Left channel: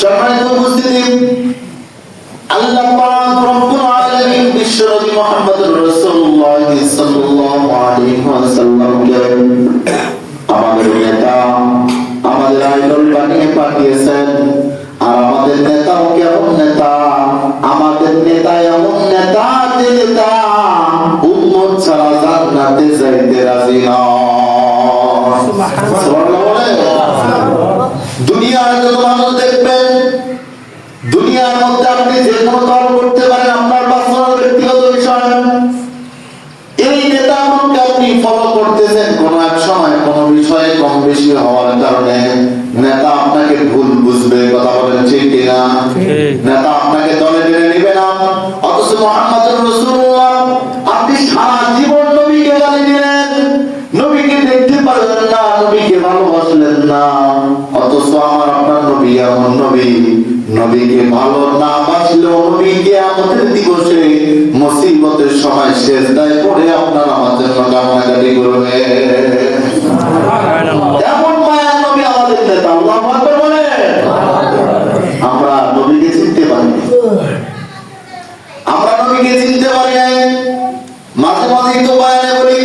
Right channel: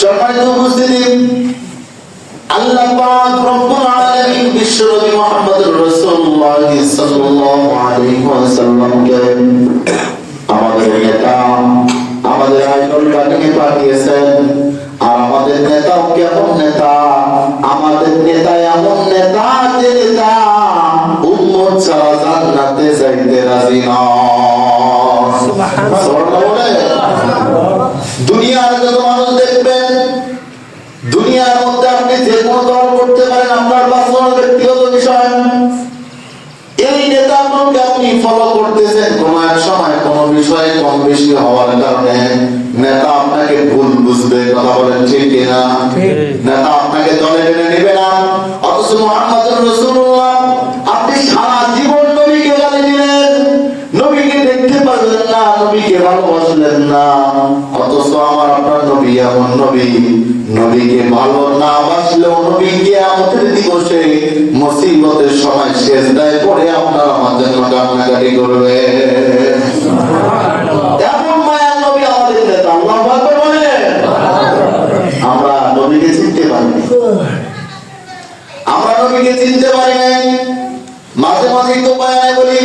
সম্মানিত উপস্থিতি, আল্লাহ পাক রব্বুল আলামিন বিশ্বনবী মুহাম্মদুর রাসূলুল্লাহ সাল্লাল্লাহু আলাইহি ওয়াসাল্লামকে আমাদের নেতা, আমাদের আইডল বানিয়ে পাঠিয়েছেন। আর আমাদের নেতাও কেমন নেতা? আমাদের নেতা এমন নেতা যে নেতা উম্মত ছাড়া জান্নাতে যাইতে রাজি নয়। দুনিয়ার যত মানুষ দেখবেন, দুনিয়ার মধ্যে আপনি যে কোনো দল করতে পারেন, আপনার পার্সোনাল ব্যক্তিগত বিষয়। এই নেতাগুলোকে আপনি ফলো করতেছেন, কোন এক সময় কোন বিষয়ে কম বেশি হওয়ার কারণে নেতা আপনাকে ভুল বুঝবে। কথা বলেন ঠিক কিনা? নেতা আপনাকে দলে টেনে নেবে না। অথচ মুহাম্মদুর রাসূলুল্লাহ, আপনি সারা জীবন নবীকে গালি দিলেন, নবীকে দেখতে পারলেন না, নবীকে ভালোবাসলেন না। অথচ আমার আপনার নবী এমন নবী, নবীকে ভালো না বাসলেও নবী কিয়ামতের দিবসে মুসিবতের সময় সিজদায় পড়ে আপনার আমার জন্য কান্নাকাটি করবে। এমন মায়ার নবী আমাদের নেতা। আল্লাহু আকবার বলেন। আমরা নবীকে চিনতে পারি, আমরা নবীকে চিনতে পারি নাই। মাঝে মাঝে তো বয়ানে বলি,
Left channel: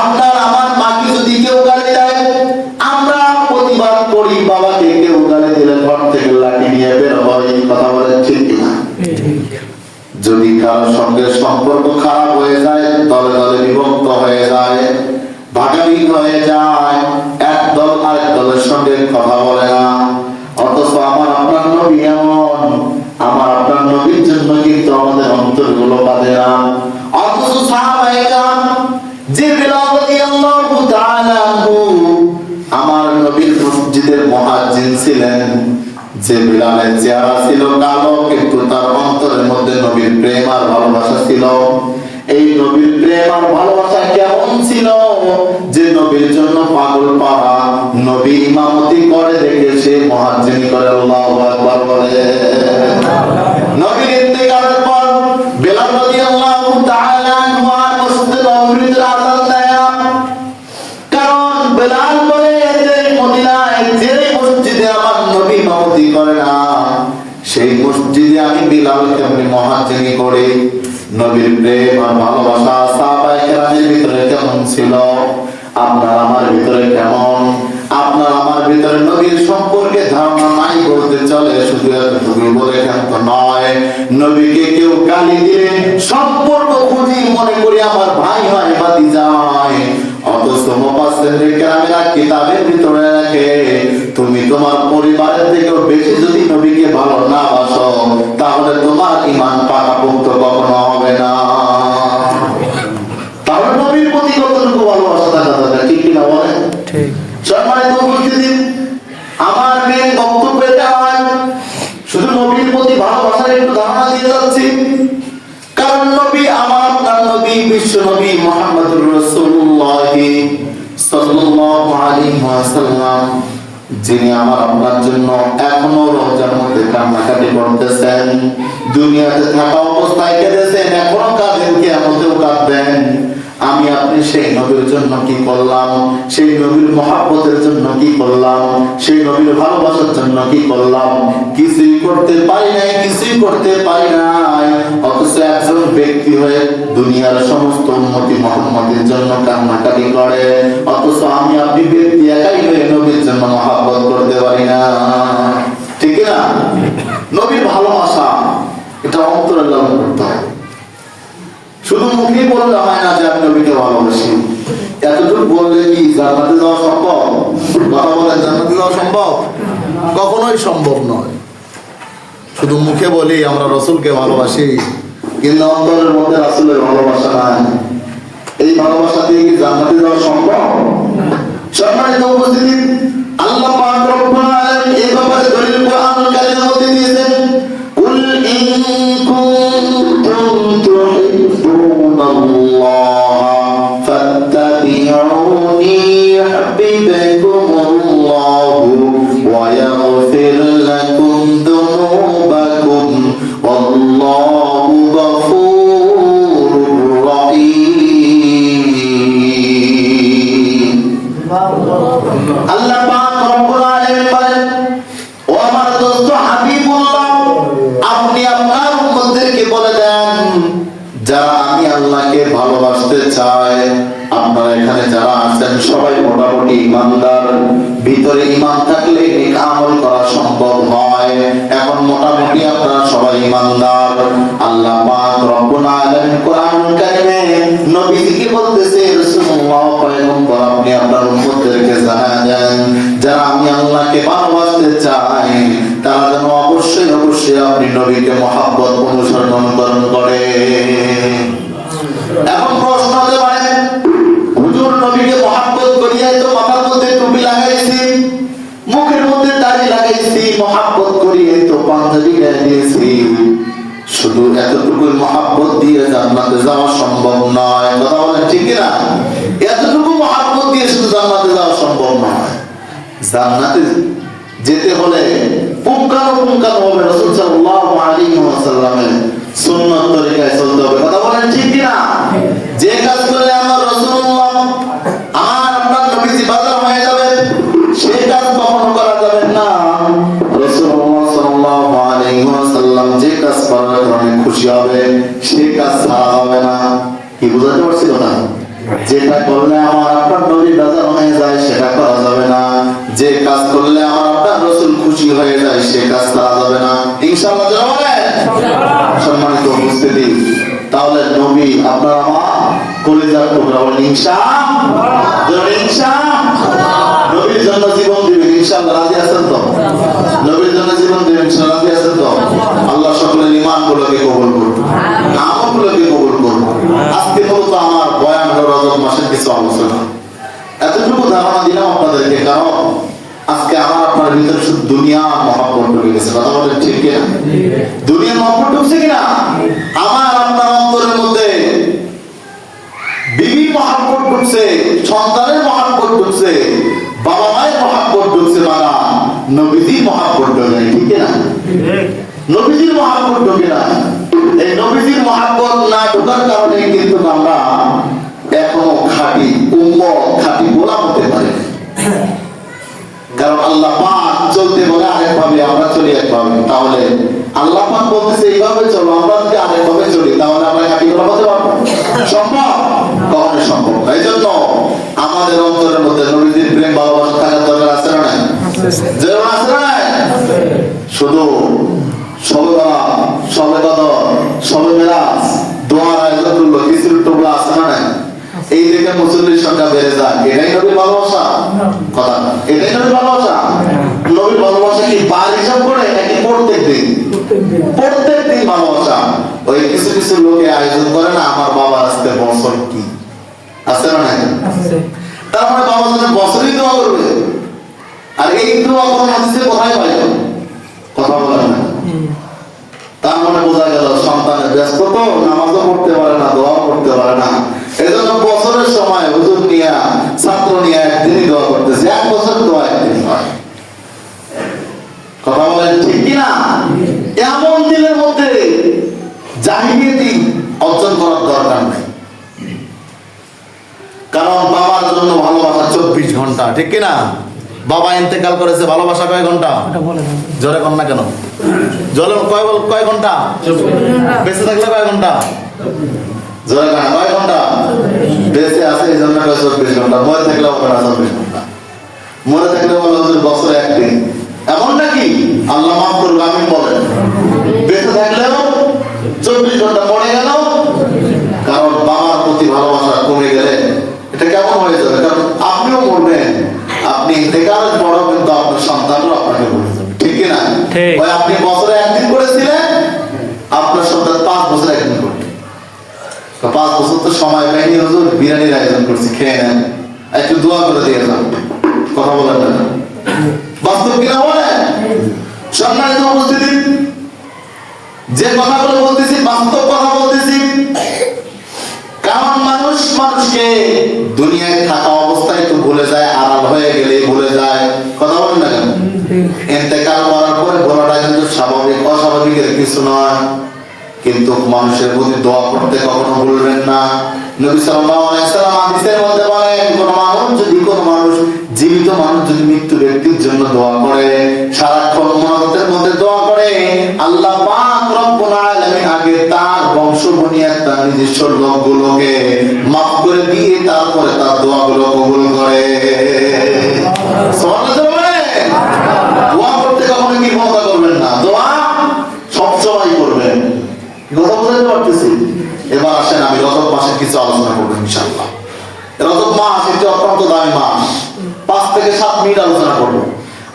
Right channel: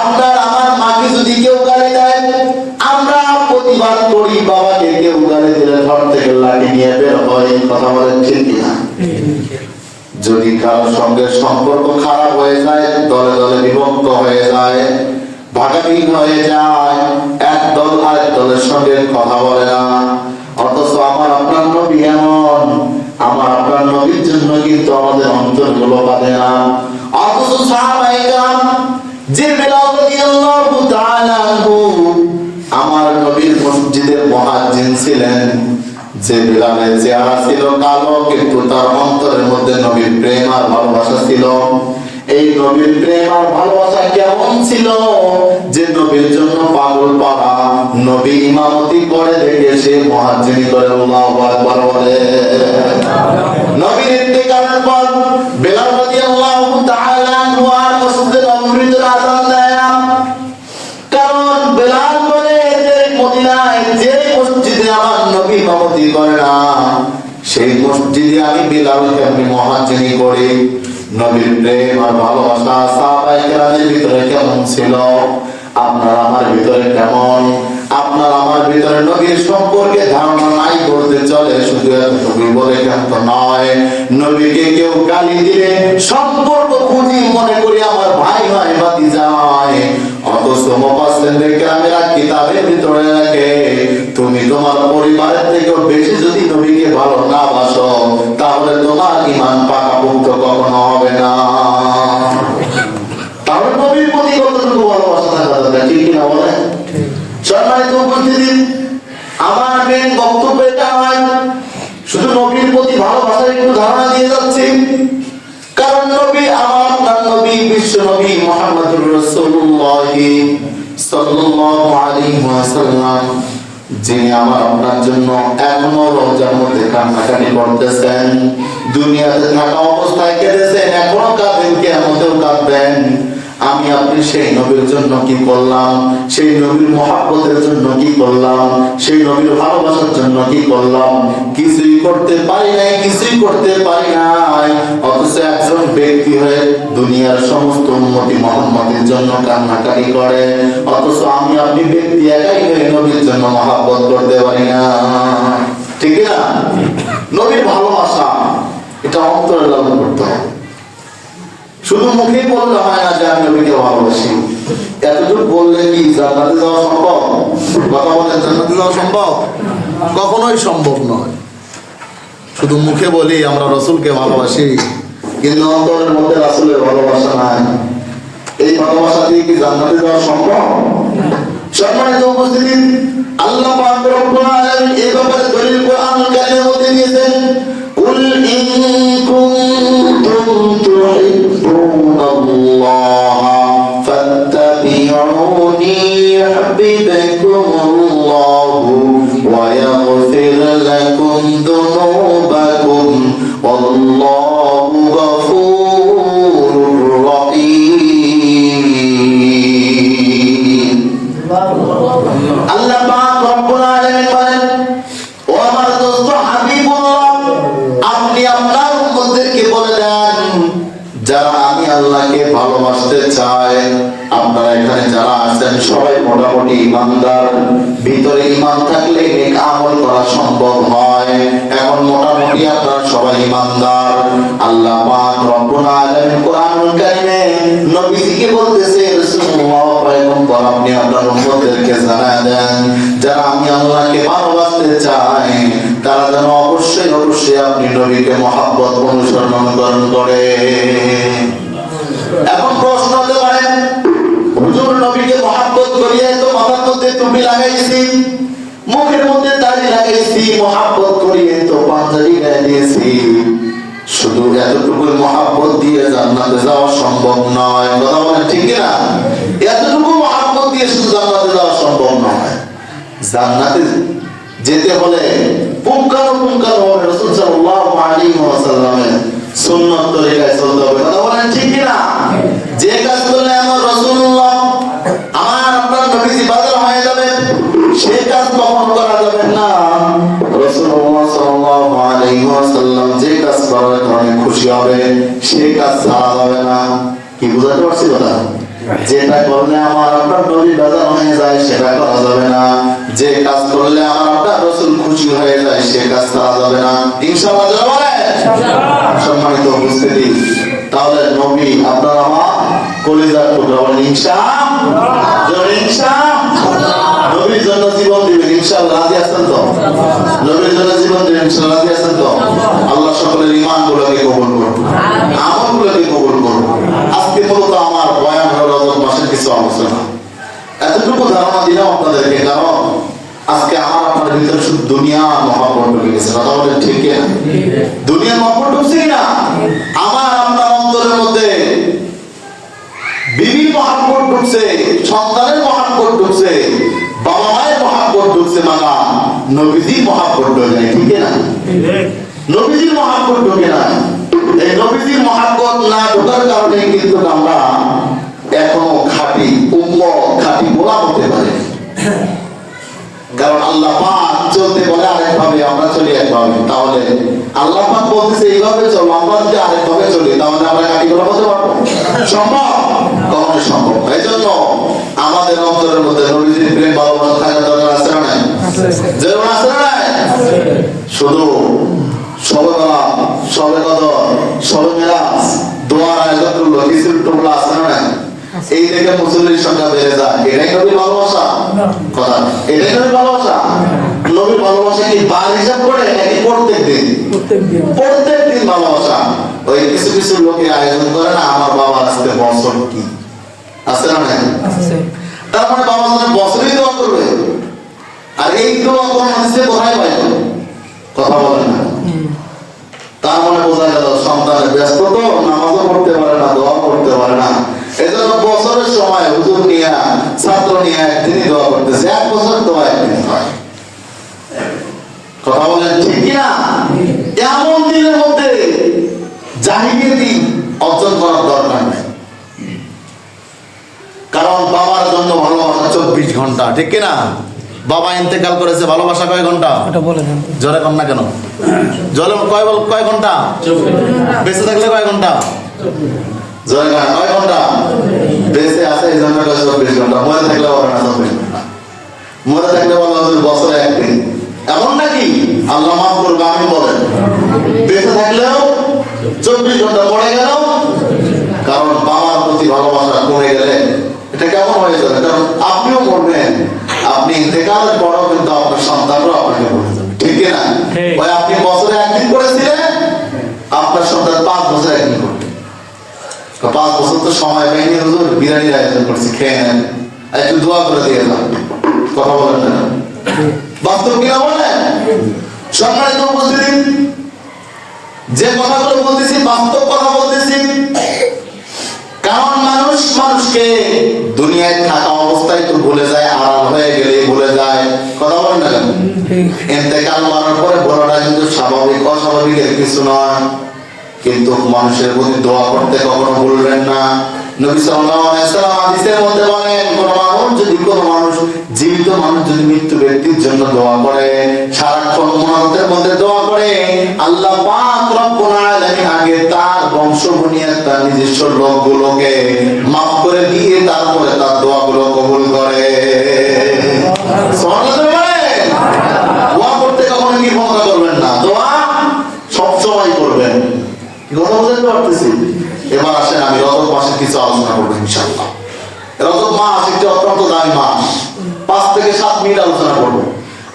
আপনার আমার মাকে যদি কেউ গালি দেয়, আমরা প্রতিবাদ করি। বাবাকে কেউ গালি দিলে ঘর থেকে লাঠি নিয়ে বের হয়। কথা বলেন ঠিক কিনা? যদি কারোর সঙ্গে সম্পর্ক খারাপ হয়ে যায়, দলে দলে বিভক্ত হয়ে যায়, ভাগাভাগি হয়ে যায়, এক দল আরেক দলের সঙ্গে কথা বলে না। অথচ আমার আপনার নবী এমন, আমার আপনার নবীর জন্য কিন্তু আমাদের অন্তরগুলো বাঁধে না। অথচ সাহাবায়ে কেরাম, যে বিলাল রাদিয়াল্লাহু তাআলা আনহু আমার নবীর মসজিদের মুয়াজ্জিন ছিলেন, যে বিলালের চেহারা ছিল কালো, কিন্তু তার অন্তরের মধ্যে নবীর প্রেম আর ভালোবাসা ছিল। এই নবীর প্রেম আর ভালোবাসা কেমন ছিল যে নবীর জন্য পাগল পাড়া নবী ইমামতি করে দেখে সে মুয়াজ্জিনি করে আল্লাহু আকবার বলে। নবীর ইন্তেকালের পর বিলাল রাদিয়াল্লাহু তাআলা আনহু মসজিদে নববীতে আযান দেয় না। কারণ বিলাল বলে যে মদিনায় যে মসজিদে আমার নবী ইমামতি করে না, সেই মসজিদে আমি বিলালকে আমি মুয়াজ্জিনি করি। নবীর প্রেম আর ভালোবাসা সাহাবায়ে কেরামের ভিতরে কেমন ছিল? আপনার আমার ভিতরে কেমন? আপনার আমার ভিতরে নবীর সম্পর্কে ধারণা নাই বলতে চলে। শুধু নবী বলে কেমন নয়, নবীকে কেউ গালি দিলে সম্পর্ক খুঁজি মনে করি আমার ভাই হয়, ভাতিজা হয়। অথচ মুফাসসিরিন কেরামেরা কিতাবের ভিতরে রাখে, তুমি তোমার পরিবারের থেকেও বেশি যদি নবীকে ভালো না বাসো, তাহলে তোমার ঈমান পাকাপোক্ত কখনো হবে না। তাহলে নবীর প্রতি কতটুকু ভালোবাসা থাকা দরকার, ঠিক কি না বলেন? ঠিক। সম্মানিত উপস্থিতি, আমার মেন বক্তব্য এটা হয়, শুধু নবীর প্রতি ভালোবাসার একটু ধারণা দিয়ে যাচ্ছি। কারণ নবী আমার আপনার নবী, বিশ্ব নবী মুহাম্মদুর রাসূলুল্লাহ সাল্লাল্লাহু আলাইহি ওয়াসাল্লাম, যিনি আমার আপনার জন্য এখনো রওজার মধ্যে কান্নাকাটি করতেছেন, দুনিয়াতে থাকা অবস্থায় কেঁদেছেন, এখনো কাঁদেন, কিয়ামতেও কাঁদবেন। আমি আপনি সেই নবীর জন্য কি করলাম? সেই নবীর মহব্বতের জন্য কি করলাম? সেই নবীর ভালোবাসার জন্য কি করলাম? কিছুই করতে পারি নাই, কিছুই করতে পারি নাই। অথচ একজন ব্যক্তি হয়ে দুনিয়ার সমস্ত উম্মতি মুহাম্মাদের জন্য কান্নাকাটি করে, অথচ আমি আপনি ব্যক্তি একাই হয়ে নবীর জন্য মহব্বত করতে পারি না। ঠিক না? নবীর ভালোবাসা এটা অন্তরে লালন করতে হয়। শুধু মুখে বললে হয় না যে আমি নবীকে ভালোবাসি। এতদূর বললে কি জান্নাতে যাওয়া সম্ভব? কথা বলেন, জান্নাতে যাওয়া সম্ভব? কখনোই সম্ভব নয়। শুধু মুখে বলি আমরা রাসূলকে ভালোবাসি, কিন্তু অন্তরের মধ্যে রাসূলের ভালোবাসা নাই। এই ভালোবাসা দিয়ে কি জান্নাতে যাওয়া সম্ভব? সম্মানিত উপস্থিতি, আল্লাহ পাক রব্বুল আলামিন এই ব্যাপারে দলিল কোরআনুল কারীমের মধ্যে দিয়েছেন, কুল ইন কুনতুম তুহিব্বুনাল্লাহা ফাত্তাবিউনি ইউহিব্বুকুমুল্লাহু ওয়া ইয়াগফির লাকুম যুনুবাকুম ওয়াল্লাহু গফুরুর রহিম। আল্লাহ পাক রব্বুল আলামিন বলেন, যারা আমি আল্লাহকে ভালোবাসতে চাই, আপনারা এখানে যারা আছেন সবাই মোটামুটি ইমানদার। ভিতরে ইমান থাকলে নেক আমল করা সম্ভব হয়। এখন মোটামুটি আপনারা সবাই ইমানদার। আল্লাহ পাক রব্বুল আলামিন কোরআনুল কারীমে নবীজিকে বলতেছে, রাসূলুল্লাহ পয়গম্বর আপনি আপনার উম্মতদেরকে জানায় দেন, যারা আমি আল্লাহকে ভালোবাসতে চাই তারা যেন অবশ্যই অবশ্যই আপনি নবীকে মহব্বত অনুসরণ করে। এখন প্রশ্ন হতে পারে, হুজুর নবীকে মহব্বত করিয়ে তো মাথার মধ্যে টুপি লাগাইছি, মুখের মধ্যে দাড়ি লাগাইছি, মহব্বত করিয়ে তো পাঞ্জাবি গায়ে দিয়েছি, শুধু এতটুকু মহব্বত দিয়ে জান্নাতে যাওয়া সম্ভব নয়। কথা বলেন ঠিক না? এতটুকু মহব্বত দিয়ে শুধু জান্নাতে যাওয়া সম্ভব নয়। জান্নাতে যেতে হলে পুঙ্খানুপুঙ্খানুভাবে রাসূল সাল্লাল্লাহু আলাইহি ওয়াসাল্লামের সুন্নাত তরিকায় চলতে হবে। কথা বলেন ঠিক না? যে কাজ করলে আমার রাসূলুল্লাহ আমার আপনার নবীজি বাজার হয়ে যাবে, সেই কাজ কখনো করা যাবে না। রাসূলুল্লাহ সাল্লাল্লাহু আলাইহি ওয়াসাল্লাম যে কাজ করার কারণে খুশি হবে সেই কাজ ছাড়া হবে না। কি বুঝাতে পারছি কথা? যেটা করলে আমার আপনার নবী বাজার হয়ে যায় সেটা করা যাবে না, যে কাজ করলে আমার আপনার রাসূল খুশি হয়ে যায় সে কাজ করা যাবে না। ইনশাআল্লাহ যাবে। সম্মানিত উপস্থিতি, তাহলে নবী আপনার আমার কলিজার টুকরা, বলেন ইনশাআল্লাহ। ইনশাআল্লাহ নবীর জন্য জীবন দিবেন ইনশাআল্লাহ। রাজি আছেন তো? নবীর জন্য জীবন দিবেন ইনশাআল্লাহ। রাজি আছেন তো? আল্লাহ সকলের ঈমানগুলোকে কবুল করুন, আমলগুলোকে কবুল করুন। আজকে মূলত আমার বয়ান হলো রজব মাসের কিছু আলোচনা। এতটুকু ধারণা দিলাম আপনাদেরকে, কারণ আজকে আমার আপনার ভিতরে শুধু দুনিয়ার মহব্বত ঢুকে গেছে। কথা বলেন ঠিক না? দুনিয়ার মহব্বত ঢুকছে কিনা? আমার আপনার অন্তরের মধ্যে বিবির মহব্বত ঢুকছে, সন্তানের মহব্বত ঢুকছে, বাবা মায়ের মহব্বত ঢুকছে, মানা নবীজির মহব্বত ঢুকে নাই। ঠিক না? নবীজির মহব্বত ঢুকে নাই। এই নবীজির মহব্বত না ঢোকার কারণে কিন্তু আমরা এখনো খাঁটি উম্মত, খাঁটি গোলাম হতে পারি। কারণ আল্লাহ পাক চলতে বলে আরেকভাবে, আমরা চলি একভাবে। তাহলে আল্লাহ পাক বলতেছে এইভাবে চলো, আমরা যদি আরেকভাবে চলি তাহলে আমরা খাঁটি গোলাম হতে পারবো? সম্ভব? কখনো সম্ভব না। এই জন্য আমাদের অন্তরের মধ্যে নবীজির প্রেম ভালোবাসা থাকার দরকার আছে না নাই? যেমন আছে না নাই? শুধু সবে কদর, সবে মেরাজ, দোয়ার আয়োজন করলো, কিছুর টুকরা আছে না নাই? এই থেকে মুসল্লির সংখ্যা বেড়ে যায়। এটাই নবীর ভালোবাসা? কথা, এটাই নবীর ভালোবাসা? নবীর ভালোবাসা কি বার হিসাব করে নাকি প্রত্যেক দিন? প্রত্যেক দিন ভালোবাসা। ওই কিছু কিছু লোকে আয়োজন করে না, আমার বাবার আজকে বছর কি আছে না নাই? তার মানে বাবা যেন বছরই দোয়া করবে। আর এই দোয়া কোন হাদিসে কোথায় পাইল? কথা বলে না। তার মানে বোঝা গেল সন্তানের ব্যস্ত তো, নামাজও পড়তে পারে না, দোয়া করতে পারে না। এই জন্য বছরের সময় হুজুর নিয়ে, ছাত্র নিয়ে একদিনই দোয়া করতেছে, এক বছর দোয়া একদিন হয়। কথা বলেন ঠিক কিনা? এমন দিনের মধ্যে জাহিলিয়াতি অর্জন করার দরকার নাই। কারণ বাবার জন্য ভালোবাসা 24 ঘন্টা। ঠিক কিনা? বাবা ইন্তেকাল করেছে, ভালোবাসা কয় ঘন্টা? জোরে কন না কেন? জলে কয় ঘন্টা? বেঁচে থাকলে কয় ঘন্টা? জোরে কন, কয় ঘন্টা? বেঁচে আছে এই জন্য 24 ঘন্টা। মরে থাকলে বলে না 24 ঘন্টা। মরে থাকলে বলে বছরে একদিন। এমন নাকি? আল্লাহ মাফ করবে, আমি বলেন বেঁচে থাকলেও 24 ঘন্টা, মরে গেল। কারণ বাবার প্রতি ভালোবাসা কমে গেলে এটা কেমন হয়ে যাবে? কারণ আপনিও মরবেন, আপনি ইন্তেকালের পরও কিন্তু আপনার সন্তানও আপনাকে মরে যাবে। ঠিক না? ভাই আপনি বছরে একদিন করেছিলেন, আপনার সন্তান 5 বছর একদিন করবে। 5 বছর তো সময় পাইনি, হুজুর বিরিয়ানির আয়োজন করছি, খেয়ে নেন, একটু দোয়া করে দিয়ে যান। কথা বলেন না? বাস্তব কিনা বলেন? সম্মানিত উপস্থিতি, যে কথাগুলো বলতেছি বাস্তব কথা বলতেছি। কারণ মানুষ মানুষকে দুনিয়ায় থাকা অবস্থায় তো ভুলে যায়, আড়াল হয়ে গেলে ভুলে যায়। কথা বলেন না কেন? ইন্তেকাল করার পরে বলাটা কিন্তু স্বাভাবিক, অস্বাভাবিকের কিছু নয়। কিন্তু মানুষের প্রতি দোয়া করতে কখনো ভুলবেন না। নবী সাল্লাল্লাহু আলাইহি ওয়াসাল্লাম হাদিসের মধ্যে বলেন, কোন মানুষ জীবিত মানুষ যদি মৃত্যু ব্যক্তির জন্য দোয়া করে, সারাক্ষণ মুনাজাতের মধ্যে দোয়া করে, আল্লাহ পাক রব্বুল আলামিন আগে তার বংশ বুনিয়াদ তার নিজস্ব লোকগুলোকে মাফ করে দিয়ে তারপরে তার দোয়াগুলো কবুল করে। দোয়া করতে কখনো কি ক্ষমতা করবেন না, দোয়া সবসময় করবেন। কথা বুঝতে পারতেছি? এবার আসেন আমি রজব মাসের কিছু আলোচনা করবো ইনশাআল্লাহ। রজব মাস একটি অত্যন্ত দামি মাস, 5 থেকে 7 মিনিট আলোচনা করবো।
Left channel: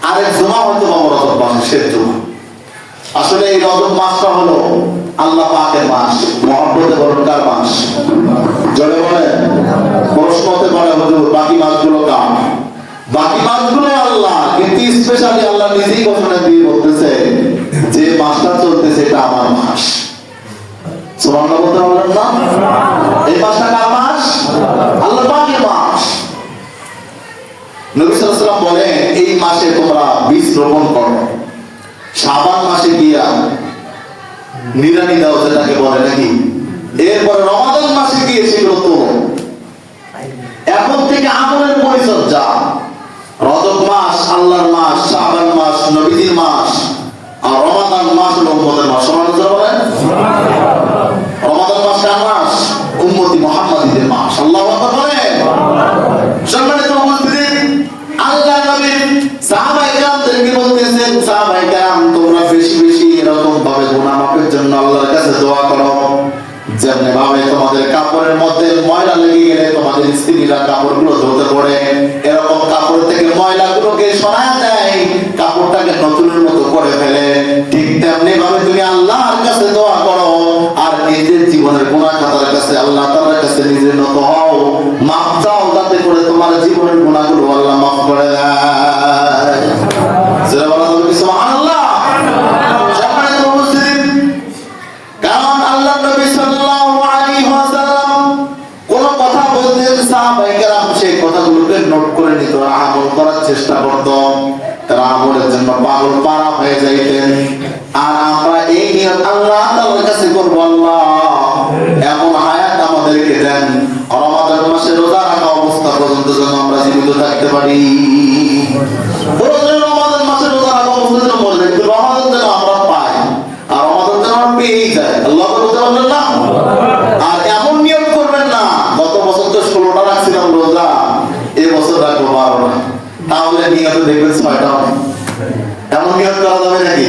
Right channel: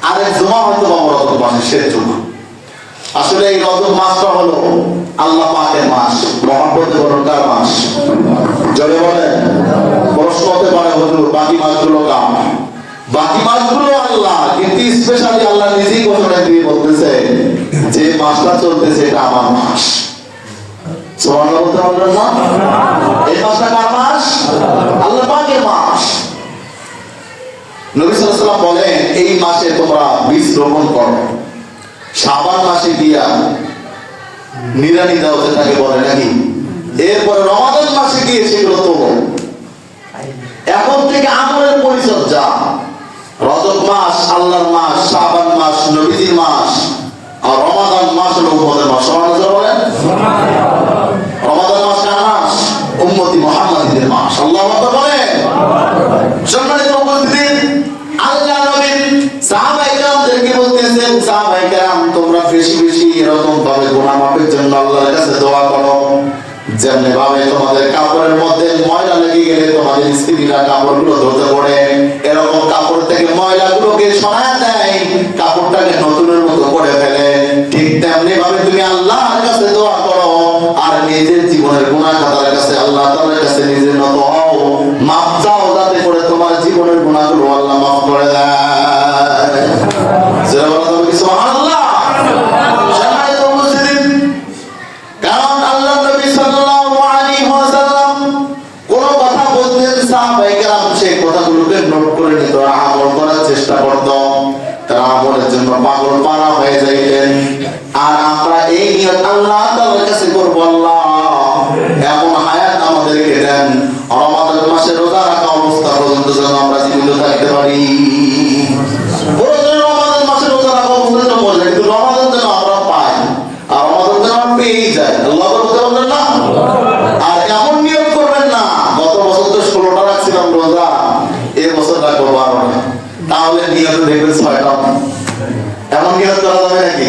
আরেক জুমা হয়তো রজব মাসের শেষ জুমা। আসলে এই রজব মাসটা হলো আল্লাহ পাকের মাস, মহব্বতে বরকার মাস। জলে বলেন, প্রশ্ন হতে পারে হুজুর বাকি মাসগুলো কার? বাকি মাসগুলো আল্লাহ, কিন্তু স্পেশালি আল্লাহ নিজেই ঘোষণা দিয়ে বলতেছে যে মাসটা চলতেছে এটা আমার মাস। সুবহানাল্লাহ বলতে পারলেন না? এই মাসটা কার মাস? আল্লাহ পাকের মাস। নবী সাল্লাল্লাহু আলাইহি ওয়াসাল্লাম বলেন এই মাসে তোমরা বীজ রোপণ করো, শাবান মাসে গিয়া নিরানি দাও যেটাকে বলে নাকি, এরপরে রমাদান মাসে গিয়ে সেগুলো তোলো। এখন থেকে আমলের পরিচর্যা। রজব মাস আল্লাহর মাস, শাবান মাস নবীজির মাস, আর রমাদান মাস হলো উম্মতের মাস। সুবহানাল্লাহ বলেন। রমাদান মাস কার মাস? উম্মতি মুহাম্মাদীদের মাস। আল্লাহু আকবার বলেন। সম্মানিত উপস্থিতি, আল্লাহ নবী সাহাবায়ে কেরামদেরকে বলতেছেন, সাহাবায়ে কেরাম তোমরা বেশি বেশি এরকম ভাবে গুনাহ মাফের জন্য আল্লাহর কাছে দোয়া করো। যেমনি ভাবে তোমাদের কাপড়ের মধ্যে ময়লা লেগে গেলে তোমাদের স্ত্রীরা কাপড়গুলো ধুতে পড়ে, এরকম কাপড় থেকে ময়লাগুলোকে সরায় দেয়, কাপড়টাকে নতুনের মতো করে ফেলে, ঠিক তেমনি ভাবে তুমি আল্লাহর কাছে দোয়া করো আর নিজের জীবনের গুনাহ খাতার কাছে আল্লাহ তাআলার কাছে নিজের নত হও, মাফ চাও, যাতে করে তোমার জীবনের গুনাহগুলো আল্লাহ মাফ করে দেয়। যারা বলা যাবে সুবহানাল্লাহ। সম্মানিত উপস্থিতি, কারণ আল্লাহ নবী সাল্লাল্লাহু আলাইহি ওয়াসাল্লাম কোন কথা বলতেন, সাহাবায়ে কেরাম সেই কথাগুলোকে নোট করে নিত, আমল করার চেষ্টা করত, তারা আমলের জন্য পাগল পারা হয়ে যাইতেন। আর আমরা এই নিয়ত আল্লাহ তাআলার কাছে করব, আল্লাহ এমন হায়াত আমাদেরকে দেন রমাদান মাসে রোজা রাখা অবস্থা পর্যন্ত যেন আমরা জীবিত থাকতে পারি। রমাদান মাসে রোজা রাখা অবস্থা মরে, কিন্তু রমাদান যেন আমরা পাই, আর রমাদান যেন আমরা পেয়েই যাই। আল্লাহ বলতে পারবেন না? আর এমন নিয়ত করবেন না গত বছর তো 16টা রাখছিলাম রোজা, এবছর রাখবো 12টা, তাহলে নিয়ত দেখবেন 6টা। এমন নিয়ত করা যাবে নাকি?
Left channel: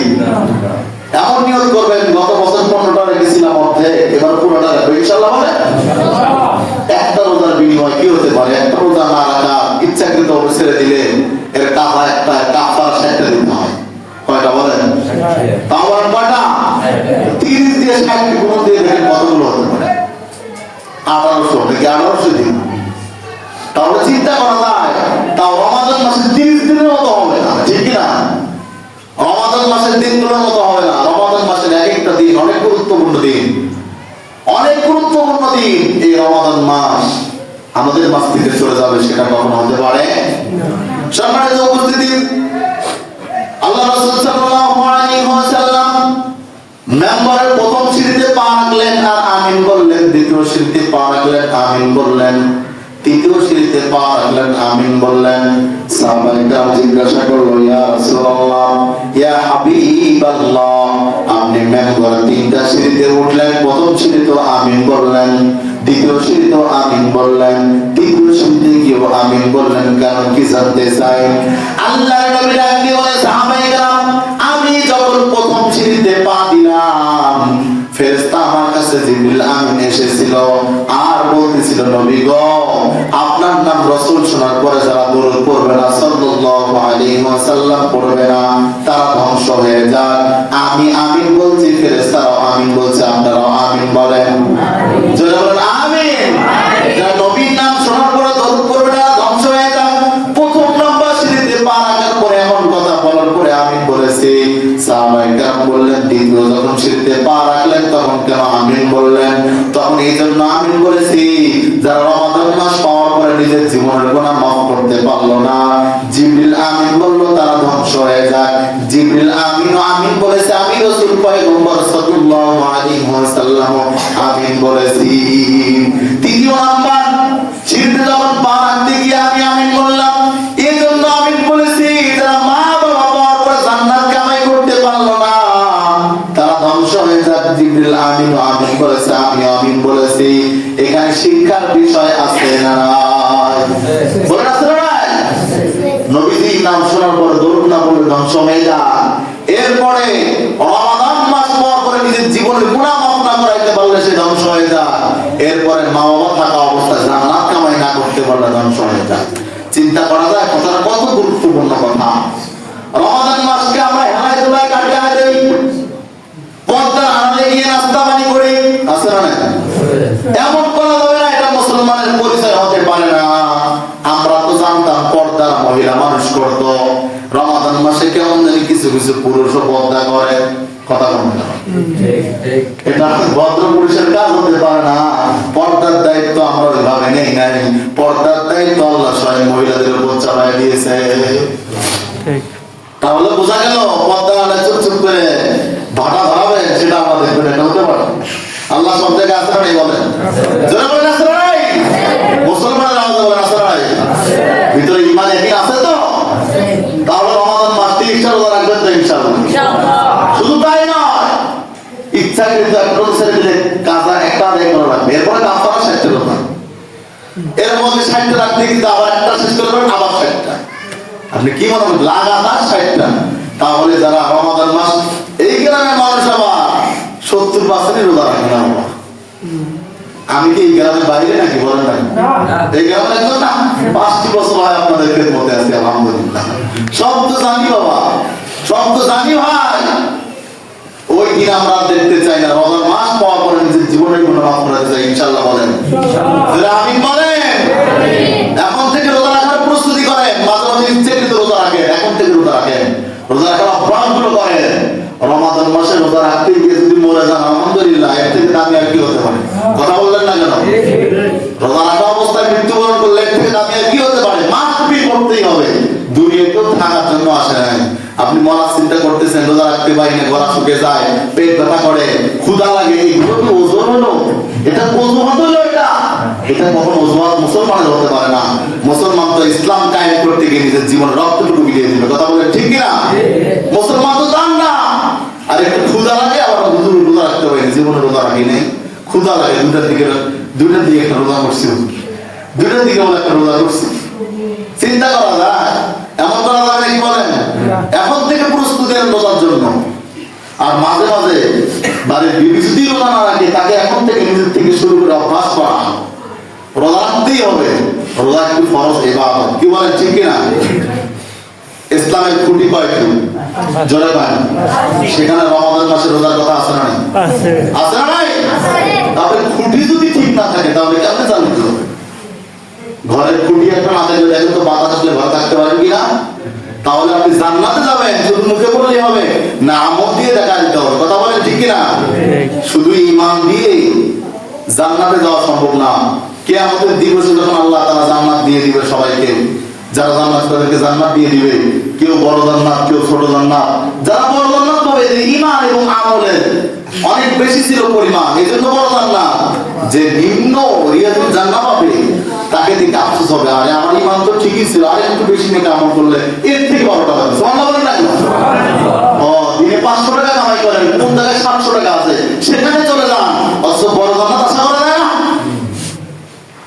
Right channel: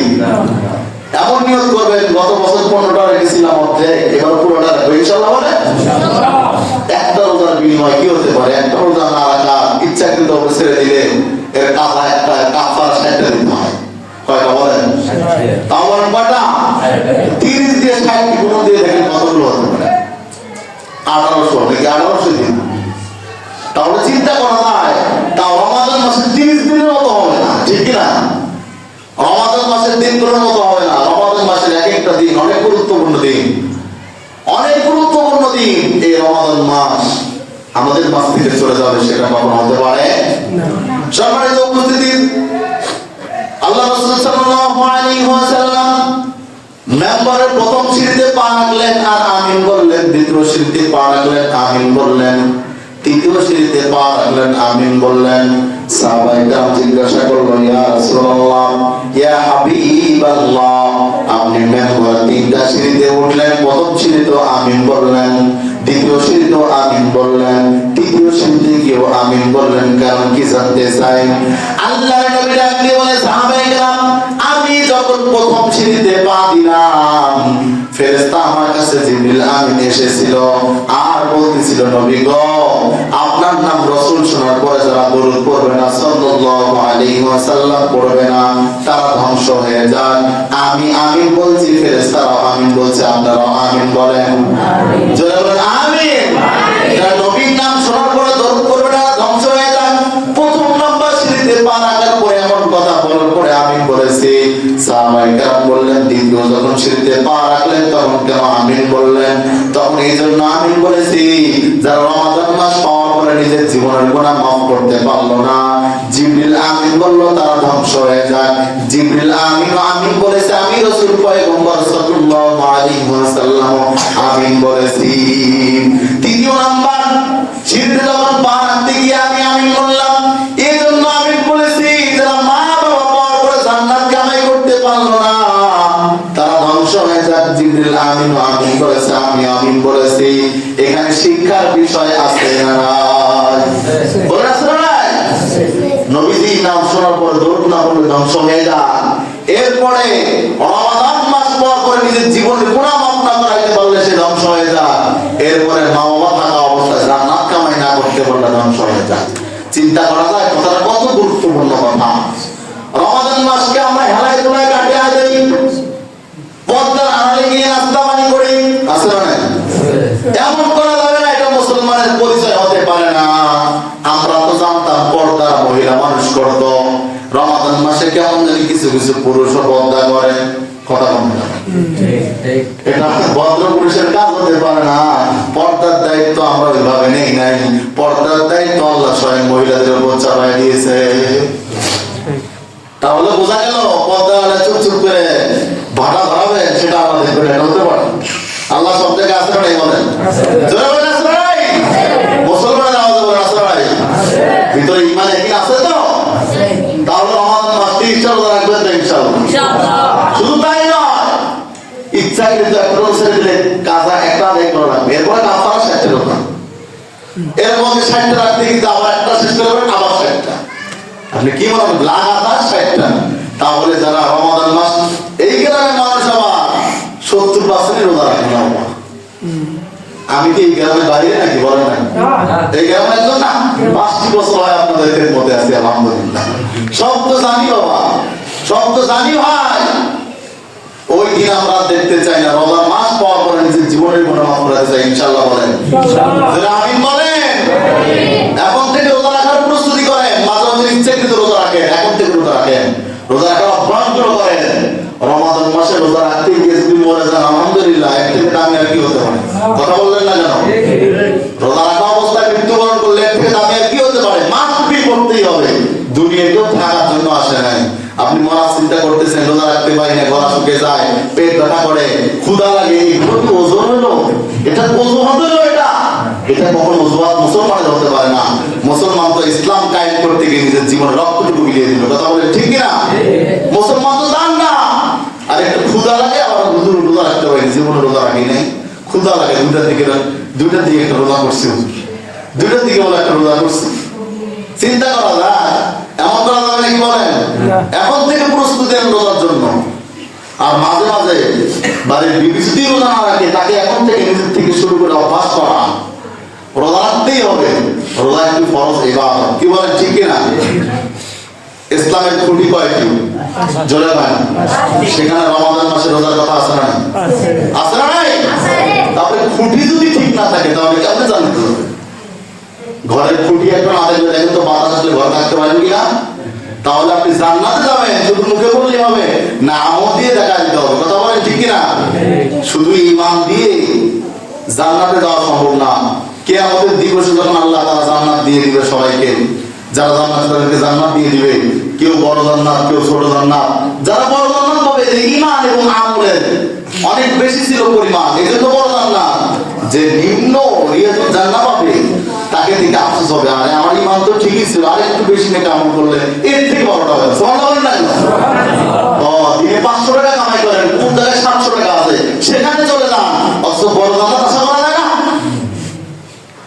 এমন নিয়ত করবেন গত বছর 15টা রেখেছিলাম অর্ধেক, এবার পুরোটা রাখবো ইনশাআল্লাহ। বলে একটা রোজার বিনিময় কি হতে পারে? একটা রোজা না রাখা ইচ্ছাকৃত ছেড়ে দিলে এর কাফা একটা কাফার 60টা দিতে হয়। কয়টা বলেন? তাও কয়টা? 30 দিয়ে 60 গুণ দিয়ে দেখেন কতগুলো হতে পারে? 1800 নাকি 1800 দিন। তাহলে চিন্তা করা যায়, তাও রমাদান মাসে 30 দিনের মতো হবে না, ঠিক না? রমাদান মাসের দিনগুলোর মতো হবে না। রমাদান মাসের এক একটা দিন অনেক গুরুত্বপূর্ণ দিন, অনেক গুরুত্বপূর্ণ দিন। এই রমাদান মাস আমাদের মাস থেকে চলে যাবে, সেটা কখনো হতে পারে না। সম্মানিত উপস্থিতি, আল্লাহ রাসূল সাল্লাল্লাহু আলাইহি ওয়াসাল্লাম মেম্বারের প্রথম সিঁড়িতে পা রাখলেন আর আমিন বললেন, দ্বিতীয় সিঁড়িতে পা রাখলেন আমিন বললেন, তৃতীয় সিঁড়িতে পা রাখলেন আমিন বললেন। সাহাবায়ে কেরাম জিজ্ঞাসা করলো, ইয়া রাসূলুল্লাহ, ইয়া হাবিবাল্লাহ, আপনি মেম্বার 3টা সিঁড়িতে উঠলেন, প্রথম সিঁড়িতে আমিন বললেন, দ্বিতীয় সিঁড়িতে আমিন বললেন, তৃতীয় সিঁড়িতে গিয়েও আমিন বললেন, কারণ কি জানতে চাই? আল্লাহর নবী ডাক দিয়ে বলে, সাহাবায়ে কেরাম আমি যখন প্রথম সিঁড়িতে পা দিলাম, ফেরেশতা আমার কাছে জিবরিল আমিন এসেছিল আর বলতেছিল, নবী গো, আপনার নাম রাসূল শোনার পরে যারা দরুদ পড়বে না, সাল্লাল্লাহু আলাইহি ওয়াসাল্লাম পড়বে না, তারা ধ্বংস হয়ে যায়। আমি আমিন বলছি, ফেরেশতারা আমিন বলছে, আপনারা আমিন বলেন। জোরে বলেন আমিন। যারা নবীর নাম শোনার পরে দরুদ পড়বে না, ধ্বংস হয়ে যায়। প্রথম নাম্বার সিঁড়িতে পা রাখার পরে এমন কথা বলার পরে আমিন বলেছি। সাহাবায়ে কেরাম বললেন, দ্বিতীয় যখন সিঁড়িতে পা রাখলেন তখন কেন আমিন বললেন? তখন এই জন্য আমিন বলেছি, যারা রমাদান মাস পাওয়ার পরে নিজের জীবনের গুনাহ মাফ করতে পারলো না, জিবরিল আমিন বলল, তারা ধ্বংস হয়ে যায়। জিবরিল আমিন আমিন বলেছে, আমি রাসূল পয়গম্বর সাল্লাল্লাহু আলাইহি ওয়াসাল্লাম আমিন বলেছি। তৃতীয় নাম্বার সিঁড়িতে যখন পা রাখতে গিয়ে আমি আমিন বললাম, এই জন্য আমিন বলেছি, যারা মা বাবা পাওয়ার পরে জান্নাত কামাই করতে পারলো না, তারা ধ্বংস হয়ে যায়। জিবরিল আমিন আমিন বলেছে, আমি আমিন বলেছি। শিক্ষার বিষয় আছে না বলেন আছে না নাই? নবীজির নাম শোনার পরে দৌড় না পড়ে ধ্বংস হয়ে যান। এরপরে রমাদান মাস পাওয়ার পরে নিজের জীবনের গুনাহ মাফ না করাইতে পারলে সে ধ্বংস হয়ে যায়। এরপরে মা বাবা থাকা অবস্থায় জান্নাত কামাই না করতে পারলে ধ্বংস হয়ে যায়। চিন্তা করা যায় কথাটা কত গুরুত্বপূর্ণ কথা। রমাদান মাসকে আমরা হেলায় দুলায় কাটিয়ে দেই, পর্দার আড়ালে গিয়ে নাস্তা পানি করি, আছে না? এমন করা যাবে না, এটা মুসলমানের পরিচয় হতে পারে না। আমরা তো জানতাম পর্দার মহিলা মানুষ করতো, রমাদান মাসে কেমন জানি কিছু কিছু পুরুষও পর্দা করে, কথা বলে না, এটা ভদ্র পুরুষের কাজ হতে পারে না। পর্দার দায়িত্ব আমরা ওইভাবে নেই নাই, পর্দার দায়িত্ব আল্লাহ স্বয়ং মহিলাদের উপর চাপাই দিয়েছে। তাহলে বোঝা গেল পর্দা চুপ চুপ করে ভাটা ধরাবেন সেটা আমরা দেখবেন, এটা হতে পারে। আল্লাহ সব জায়গায় আসে নাই বলেন, জোরে বলেন আসে নাই? মুসলমানের আওয়াজ বলেন আসে নাই? ভিতরে ঈমান একই আছে তো? তাহলে রমাদান মাস 30টা রোজা রাখবেন তো ইনশাআল্লাহ। শুধু তাই নয়, ইচ্ছা কিন্তু একটা ছেড়ে দিলে কাজা একটা আদায় করে রাখবে, এরপরে আপনারা 60টা রোজা, এর মধ্যে 60টা রাখতে কিন্তু আবার একটা শেষ করে দেবেন, আবার 60টা। আপনি কি বলবেন লাগাতার 60টা? তাহলে যারা রমাদান মাস এই গ্রামের মানুষ আবার 70% রোজা রাখে না। আমি কি এই গ্রামের বাইরে নাকি বলেন না? এই গ্রামের একজন না, 5টি বছর হয় আপনাদের মধ্যে আছে, আলহামদুলিল্লাহ। সব তো জানি বাবা, সব তো জানি ভাই। ওই দিন আমরা দেখতে চাই না, রোজার মাস পাওয়ার পরে নিজের জীবনের গুনাহ মাফ করতে চাই ইনশাআল্লাহ বলেন, আমিন বলেন। এখন থেকে রোজা রাখার প্রস্তুতি করেন, মাঝে মাঝে ইচ্ছাকৃত রোজা রাখেন, এখন থেকে রোজা রাখেন, রোজা রাখার অভ্যাস গুলো করেন। রমাদান মাসে রোজা রাখতে গিয়ে যদি মরে যান আলহামদুলিল্লাহ, এর থেকে দামি আর কি হতে পারে? কথা বললেন না কেন? রোজা রাখা অবস্থায় মৃত্যুবরণ করলে এর থেকে দামি আর কি হতে পারে? মাফি করতেই হবে, দুনিয়াতেও থাকার জন্য আসে নাই। আপনি মরার চিন্তা করতেছেন, রোজা রাখতে পারি না, গলা শুকে যায়, পেট ব্যথা করে, ক্ষুধা লাগে, এগুলো কি ওজন হলো? এটা অজুহাত হলো? এটা কখনো অজুহাত মুসলমানের হতে পারে না। মুসলমান তো ইসলাম কায়েম করতে গিয়ে নিজের জীবনে রক্তটুকু বিলিয়ে দিবে, কথা বলে ঠিক কিনা? মুসলমান তো দান না। আর একটু ক্ষুধা লাগে, আবার হুজুর রোজা রাখতে পারি, জীবনে রোজা রাখি নাই, ক্ষুধা লাগে, দুইটার দিকে একটা রোজা করছি, দুইটার দিকে বলে একটা রোজা করছি। চিন্তা করা যায়? এমন করা যাবে নাকি বলেন? এখন থেকে প্রস্তুতি নেন রোজার জন্য। আর মাঝে মাঝে বাড়ির বিবি যদি রোজা না রাখে, তাকে এখন থেকে নিজের থেকে শুরু করে অভ্যাস করা, রোজা রাখতেই হবে। রোজা একটি ফরজ ইবাদত, কি বলেন ঠিক কিনা? ইসলামের খুঁটি কয়টি? জোরে বলেন। সেখানে রমাদান মাসে রোজার কথা আছে না? আছে না নাই? তাহলে খুঁটি যদি ঠিক না থাকে তাহলে কেমনে জানতে হবে? ঘরের খুঁটি একটা না থাকলে দেখেন তো বাতাস আসলে ঘরে থাকতে পারেন কিনা? তাহলে আপনি জান্নাতে যাবেন শুধু মুখে বললেই হবে না, আমল দিয়ে দেখা দিতে হবে, কথা বলেন ঠিক কিনা? শুধু ঈমান দিয়ে জান্নাতে যাওয়া সম্ভব না। কিয়ামতের দিবসে যখন আল্লাহ তাআলা জান্নাত দিয়ে দিবে সবাইকে, যারা জান্নাত তাদেরকে জান্নাত দিয়ে দিবে, কেউ বড় জান্নাত, কেউ ছোট জান্নাত। যারা বড় জান্নাত পাবে, যে ঈমান এবং আমলের অনেক বেশি ছিল পরিমাণ, এজন্য বড় জান্নাত। যে নিম্ন রিয়াজুল জান্নাত পাবে, তাকে থেকে আফসোস হবে, আরে আমার ঈমান তো ঠিকই ছিল, আর একটু বেশি নেক আমল করলে এর থেকে বড়টা হবে। সুবহানাল্লাহ না? দিনে 500 টাকা কামাই করেন, কোন জায়গায় 700 টাকা আছে সেখানে চলে যান, অথচ বড় জান্নাত আশা করা যায় না।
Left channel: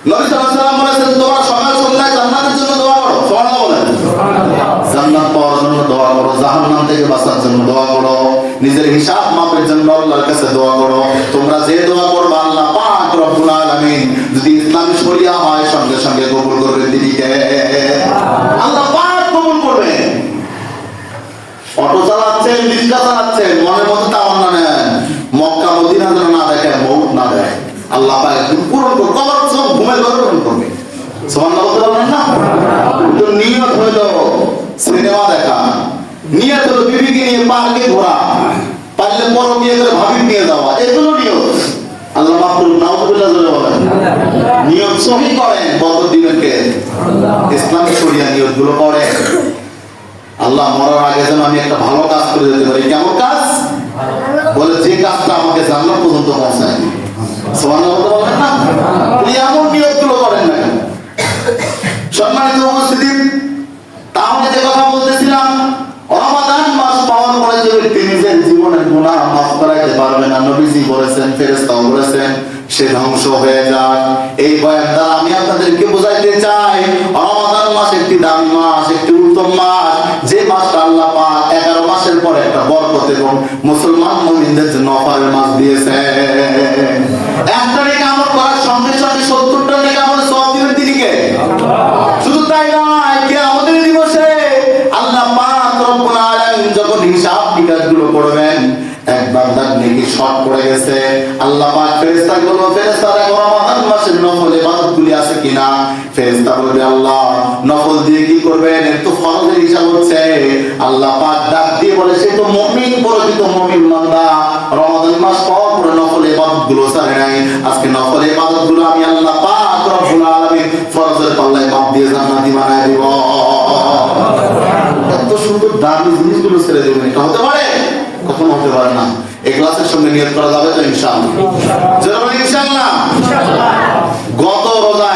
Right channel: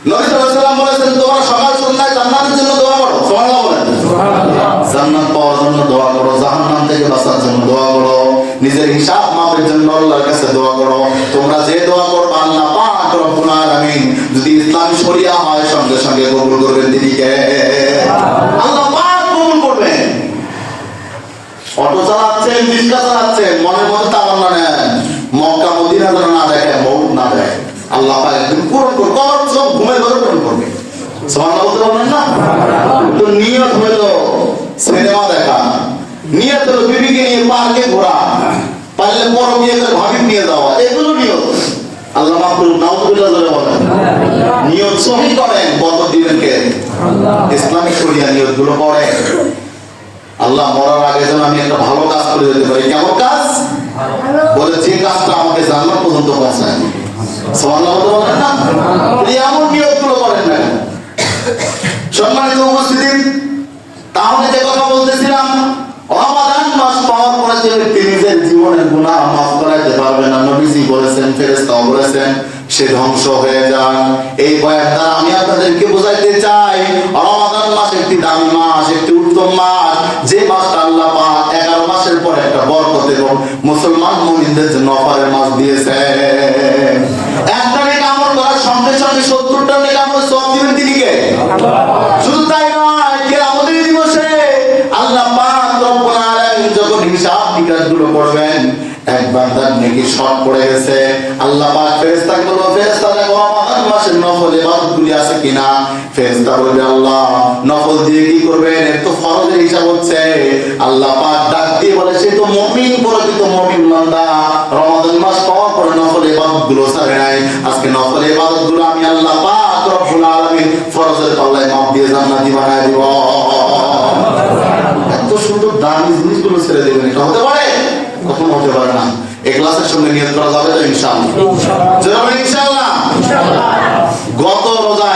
নবী সাল্লাল্লাহু আলাইহি ওয়াসাল্লাম বলেছেন, তোমরা সকাল সন্ধ্যায় জান্নাতের জন্য দোয়া করো। সুবহানাল্লাহ বলেন। জান্নাত পাওয়ার জন্য দোয়া করো, জাহান্নাম থেকে বাঁচার জন্য দোয়া করো, নিজের হিসাব মাপের জন্য আল্লাহর কাছে দোয়া করো। তোমরা যে দোয়া করবে আল্লাহ পাক রব্বুল আলামিন যদি ইসলামী শরিয়া হয় সঙ্গে সঙ্গে কবুল করবেন। দিদিকে আল্লাহ পাক কবুল করবেন। অটো চালাচ্ছেন, রিক্সা চালাচ্ছেন, মনের মধ্যে তামান্না নেন মক্কা মদিনা যেন না দেখে, মউত না দেয়, আল্লাহ পাক একদিন পূরণ করবে, কবর সব ঘুমের ঘরে পূরণ করবে। সুবহানাল্লাহ বলতে পারবেন না? তো নিয়ত হলো সিনেমা দেখা, নিয়ত হলো বিবিকে নিয়ে পার্কে ঘোরা, পারলে বড় বিয়ে করে ভাবি নিয়ে যাওয়া, এগুলো নিয়ত। আল্লাহ মাফ করুন, নাউযুবিল্লাহ জোরে বলেন। নিয়ত সহি করেন, বরকত দিবেন কে? ইসলামিক শরিয়া নিয়তগুলো পড়েন। আল্লাহ মরার আগে যেন আমি একটা ভালো কাজ করে যেতে পারি। কেমন কাজ? বলে যে কাজটা আমাকে জান্নাত পর্যন্ত পৌঁছায় দিবে। সুবহানাল্লাহ বলেন না? এমন নিয়তগুলো করেন না। সম্মানিত উপস্থিতি, তাহলে যে কথা বলতেছিলাম, রমাদান মাস পাওয়ার পরে যে ব্যক্তি নিজের জীবনের গুনাহ মাফ করাইতে পারবে না, নবীজি বলেছেন, ফেরেশতাও বলেছেন, সে ধ্বংস হয়ে যান। এই বয়ান দ্বারা আমি আপনাদেরকে বোঝাইতে চাই, রমাদান মাস একটি দামি মাস, একটি উত্তম মাস, যে মাসটা আল্লাহ পাক 11 মাসের পর একটা বরকত এবং মুসলমান মুমিনদের জন্য অফারের মাস দিয়েছে। একটা নেক আমল করার সঙ্গে সঙ্গে 70টা নেক আমল সওয়াব দিবেন তিনি কে? শুধু তাই নয়, কিয়ামতের দিবসে আল্লাহ পাক রব্বুল আলামিন যখন হিসাব নিকাশগুলো করবেন, এক বান্দার নেকি শর্ট পড়ে গেছে, আল্লাহ পাক ফেরেশতাকে বলবে, ফেরেশতারা রমাদান মাসের নফল ইবাদতগুলি আছে কিনা? ফেরেশতা বলবে, আল্লাহ নফল দিয়ে কি করবেন, এর তো ফরজের হিসাব হচ্ছে। আল্লাহ পাক ডাক দিয়ে বলে, সে তো মুমিন, প্রকৃত মুমিন বান্দা, রমাদান মাস পাওয়ার পরে নফল ইবাদতগুলো ছাড়ে নাই। আজকে নফল ইবাদতগুলো আমি আল্লাহ পাক রব্বুল আলামিন ফরজের পাল্লায় মাপ দিয়ে জান্নাতি বানায় দিব। এত সুন্দর দামি জিনিসগুলো ছেড়ে দেবেন, এটা হতে পারে? কখনো হতে পারে না। ইখলাসের সঙ্গে নিয়ত করা যাবে তো ইনশাআল্লাহ? জোরে ইনশাআল্লাহ। গত রোজা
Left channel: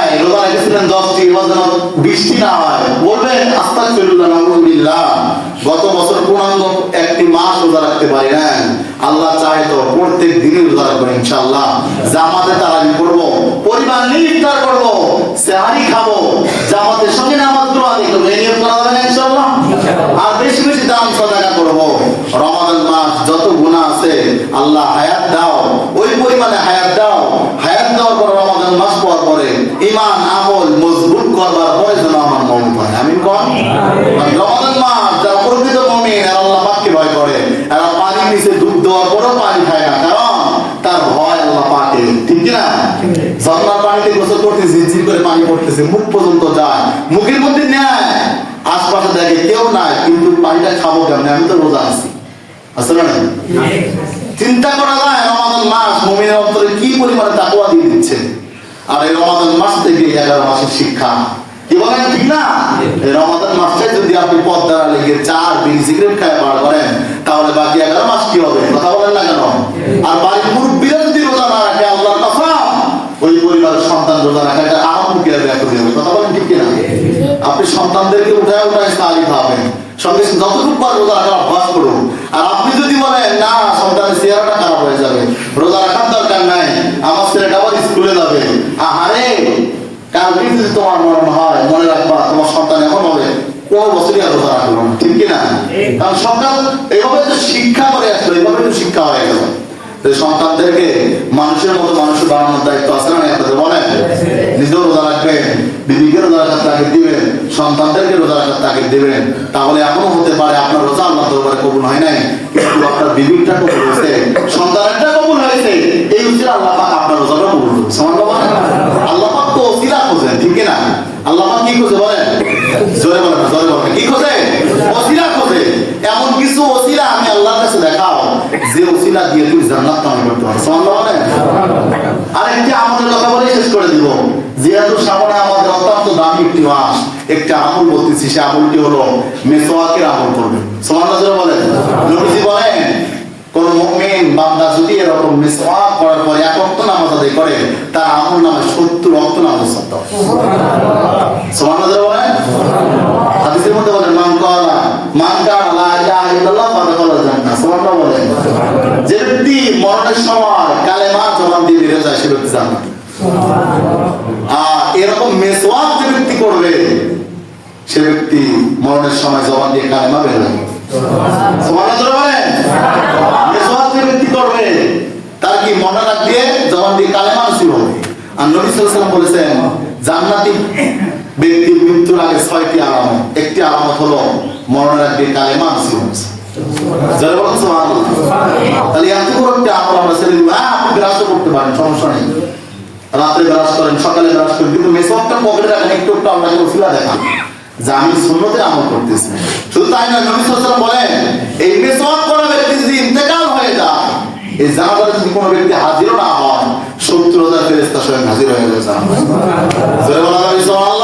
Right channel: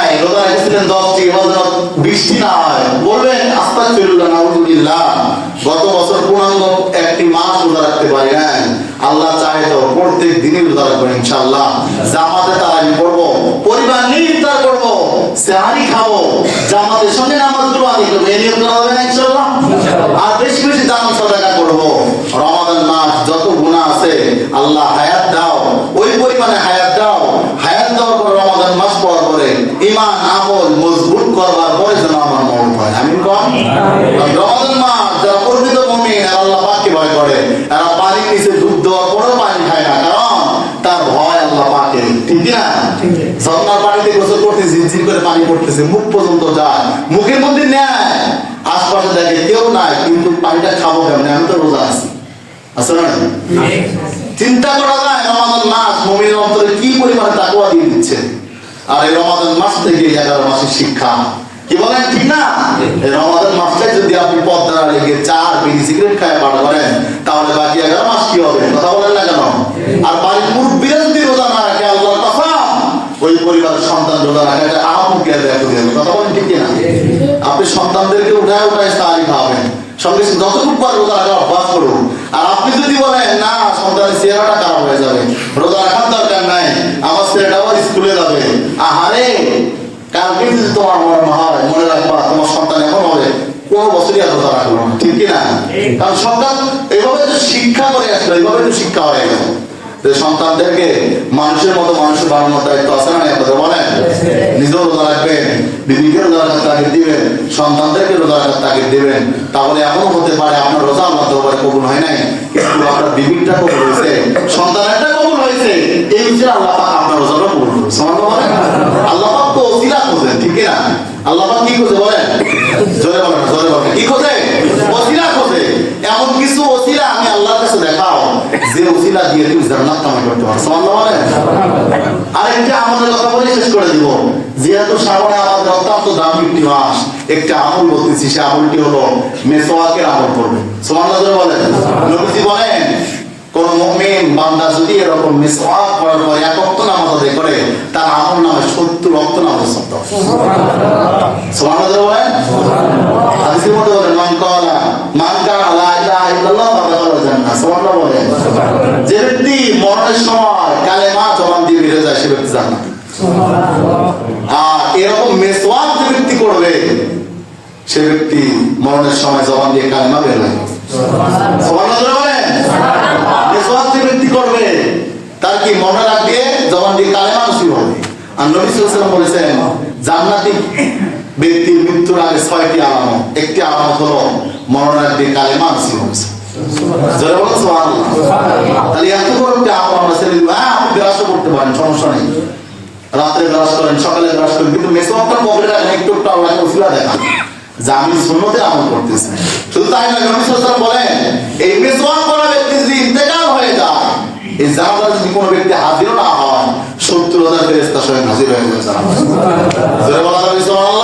রেখেছিলেন 10টি, এবার 20টি না হয় বলবেন আস্তাগফিরুল্লাহ নাউযুবিল্লাহ। গত বছর পূর্ণাঙ্গ একটি মাস রোজা রাখতে পারি না, আল্লাহ চায় তো প্রত্যেক দিনই রোজা রাখবেন ইনশাআল্লাহ। জামাতে তারাবি করব, পরিবার নিয়ে ইফতার করব, সেহরি খাবো, জামাতের সঙ্গে নামাজগুলো আদায় করব, এই নিয়ত করা হবে না ইনশাআল্লাহ। আর বেশি বেশি দান সাদাকা করব। রমাদান মাস যত গুনাহ আছে আল্লাহ হায়াত দাও, ওই পরিমাণে হায়াত দাও। হায়াত দাও করে রমাদান মাস পর পরে ঈমান আমল মজবুত করবার পরে যেন আমার মওত হয়। আমিন কোন? রমাদান মাস যারা প্রকৃত মুমিন আর আল্লাহ পাককে ভয় করে, এরা পানির নিচে ডুব দেওয়ার পরেও পানি খায় না, কারণ তার ভয় আল্লাহ পাকে। ঠিক না? ঝর্ণার পানিতে গোসল করতে ঝিরঝির করে পানি পড়তেছে, মুখ পর্যন্ত যায়, মুখের মধ্যে নেয়, আশপাশে দেখে কেউ নাই, কিন্তু পানিটা খাবো কেমনে? আমি তো রোজা আছি, আসলে না? চিন্তা করা যায় রমাদান মাস মুমিনের অন্তরে কি পরিমাণে তাকওয়া দিয়ে দিচ্ছে। আর এই রমাদান মাস থেকে 11 মাসের শিক্ষা, কি বলেন ঠিক না? এই রমাদান মাসে যদি আপনি পদ্মারা লেগে 4 বিড়ি সিগারেট খায় বার করেন, তাহলে বাকি 11 মাস কি হবে? কথা বলেন না কেন? আর বাড়ির মুরব্বিরা যদি রোজা না রাখে, আল্লাহর কসম ওই পরিবারের সন্তান রোজা রাখা এটা আহমকে ব্যাখ্যা দেবে। কথা বলেন ঠিক না? আপনি সন্তানদেরকে উঠায় উঠায় সাহায্য খাওয়াবেন, সঙ্গে যতটুকু পার রোজা রাখার অভ্যাস করুন। আর আপনি যদি বলেন না সন্তানের চেহারাটা খারাপ হয়ে যাবে, রোজা রাখার দরকার নাই, আমার ছেলেটাও স্কুলে যাবে, আহারে কালকে যদি তোমার মনে হয়, মনে রাখবা তোমার সন্তান এখন হবে কোনো বছরই আর রোজা রাখবো না, ঠিক কিনা? কারণ সন্তান এইভাবে তো শিক্ষা করে আসলো, এইভাবে তো শিক্ষা হয়ে গেল। সন্তানদেরকে মানুষের মতো মানুষ বানানোর দায়িত্ব আছে না? আপনাদের বলেন, নিজেও রোজা রাখবেন, বিবিকে রোজা রাখার তাগিদ দিবেন, সন্তানদেরকে রোজা রাখার তাগিদ দিবেন। তাহলে এমনও হতে পারে আপনার রোজা আল্লাহ দরবারে কবুল হয় নাই, কিন্তু আপনার বিবিটা কবুল হয়েছে, সন্তানেরটা কবুল হয়েছে, এই উচিত আল্লাহ পাক আপনার রোজাটা কবুল করবে। সুবহানাল্লাহ। আল্লাহ পাক তো ওসিলা খোঁজেন, ঠিক না? আল্লাহ পাক কি খোঁজে বলেন? জোরে বলেন, জোরে বলেন, কি খোঁজে? ওসিলা খোঁজে। এমন কিছু ওসিলা আমি আল্লাহর কাছে দেখাও যে ওসিলা দিয়ে তুমি জান্নাত কামাই করতে পারো। সুবহানাল্লাহ বলেন। আরেকটি আমলের কথা বলে শেষ করে দিব। যেহেতু সামনে আমাদের অত্যন্ত দামি একটি মাস, একটা আমল বলতেছি, সে আমলটি হলো মেসওয়াকের আমল করবে। সুবহানাল্লাহ বলেন। নবীজি বলেন, কোন মুমিন বান্দা যদি এরকম মিসওয়াক করার পর 1 ওয়াক্ত নামাজ আদায় করে, তার আমল নামায় 70 ওয়াক্ত নামাজ পড়তে হয়। সুবহানাল্লাহ বলেন। হাদিসের মধ্যে বলেন, মান কালা লা ইলাহা ইল্লাল্লাহ ফাদাখালাল জান্নাহ। সুবহানাল্লাহ বলেন। যে ব্যক্তি মরণের সময় কালেমা জবান দিয়ে বের হয়ে যায়, সে ব্যক্তি জান্নাতি। আর এরকম মিসওয়াক যে ব্যক্তি করবে, সে ব্যক্তি মরণের সময় জবান দিয়ে কালেমা বের হয়। সুবহানাল্লাহ বলেন। ব্যক্তি করবে, তার কি মনে রাখ দিয়ে জবান দিয়ে কালেমা নসিব হবে। আর নবী সাল্লাল্লাহু আলাইহি ওয়াসাল্লাম বলেছেন, জান্নাতি ব্যক্তির মৃত্যুর আগে 6টি আলামত। একটি আলামত হলো মরণের আগ দিয়ে কালেমা নসিব হবে। যারা বলেন সুবহানাল্লাহ। তাহলে এত বড় একটা আমল আমরা ছেড়ে দিব। হ্যাঁ, আপনি ব্রাশ করতে পারেন, সমস্যা নেই, রাতে ব্রাশ করেন, সকালে ব্রাশ করেন, কিন্তু মেসওয়াকটা পকেটে রাখেন, একটু একটু আল্লাহকে ওসিলা দেখান যে আমি সুন্নতের আমল করতেছি। শুধু তাই নয়, নবী সাল্লাল্লাহু আলাইহি ওয়াসাল্লাম বলেন, এই মেসওয়াক করা ব্যক্তি যদি ইন্তেকাল হয়ে যায়, এই জানাজায় যদি কোনো ব্যক্তি হাজির না হয়, 70,000 ফেরেশতা স্বয়ং হাজির হয়ে যায় জানাজায়। জোরে বলা যাবে সুবহানাল্লাহ।